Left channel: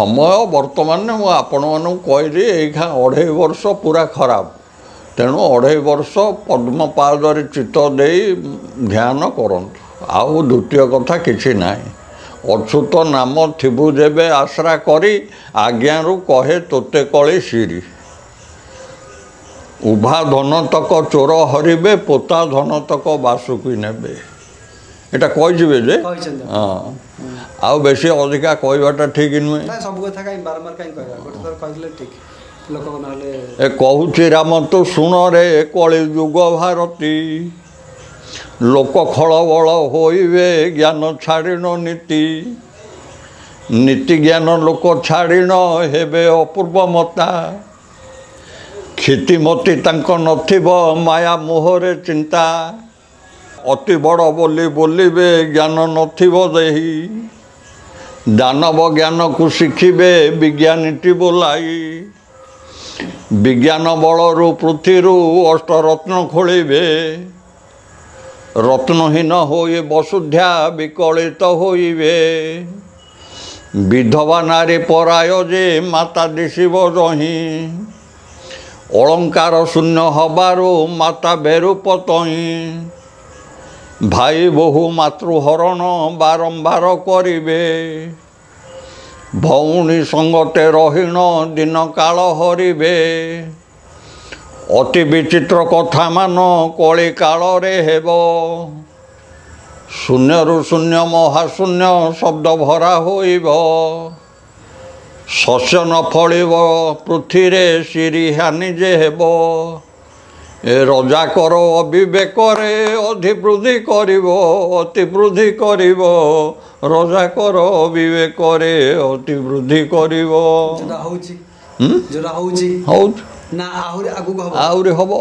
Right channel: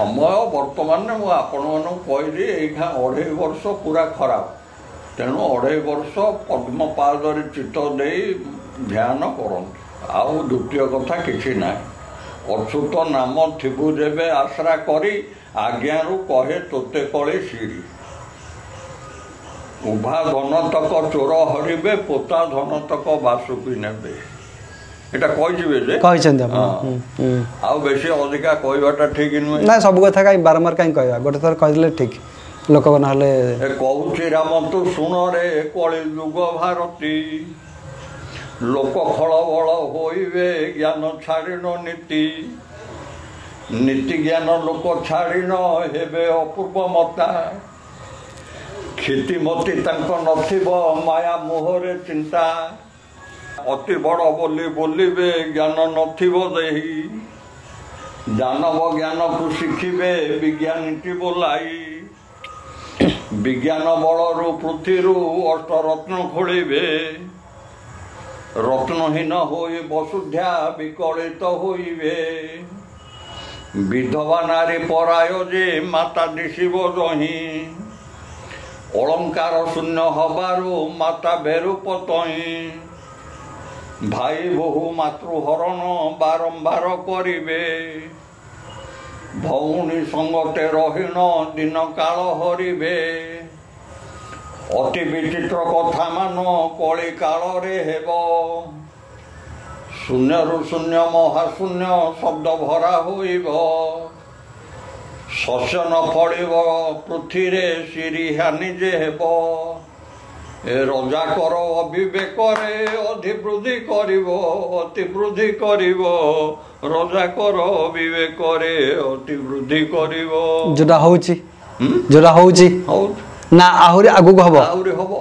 समय बर्तमान मुझे कहली एखा 2.5 वर्ष पूरा खराब तेणु 2.5 वर्ष पद्मपादरे चित्त दे ध्यान करंतु आउ द्वितीय कथा किसी ना अच्युत नाम थिबु जेबे आश्रा करी आज्ञारू कहे तोते कली सिरी उभा धन तक चोर हरिबे पोता धन तक बासुकी नेबे एटा कहिजिबे जे आ बेसी अधिका कहबाटा ठीक नुहे ना सब कथा काई बारंबार काई कहबा गोटे थर कहले ठीक लोक नहले ए कहूची राम तो सुन रे कଳି युग भारती लोक खल बल होइबे ज्ञान छाड़िन नीति नीति ज्ञान लोक छाड़िन हेबे अपूर्व मता क्षितिमती तांको नथिबो माया मोहरे चिंता अति बड़ बोली बोलिबे ज्ञान नथिबो देही दानव ज्ञान को शिखिबे विज्ञानीटी बोलाई विज्ञान बलरू पृथ्वी अष्टरत्न खोलिबे रत्नहीन होई वसुध्या विकलित होइबे विधवा नारी पराय जे माता दिशिब जही अलंकार शून्य हबारू माता बेरूप तही भाई बहु मातृहरण बारंबार करिबे भौणी संगते रहीण दिन काल हरिबे अति विचित्र कथा मान कली काल रे हेब शून्यरु शून्य महाशून्य शब्द भरा होइब शस्य न फलिब पृथ्वी रे सिरी हानि जे हेब ए रजा कर अविवेक रे अधिवृद्धि करिब अतिवृद्धि करिब रजा कर अविवेक रे अतिवृद्धि करिब जोटा होउची ना आहुरी आगु हबो आहुरी हबो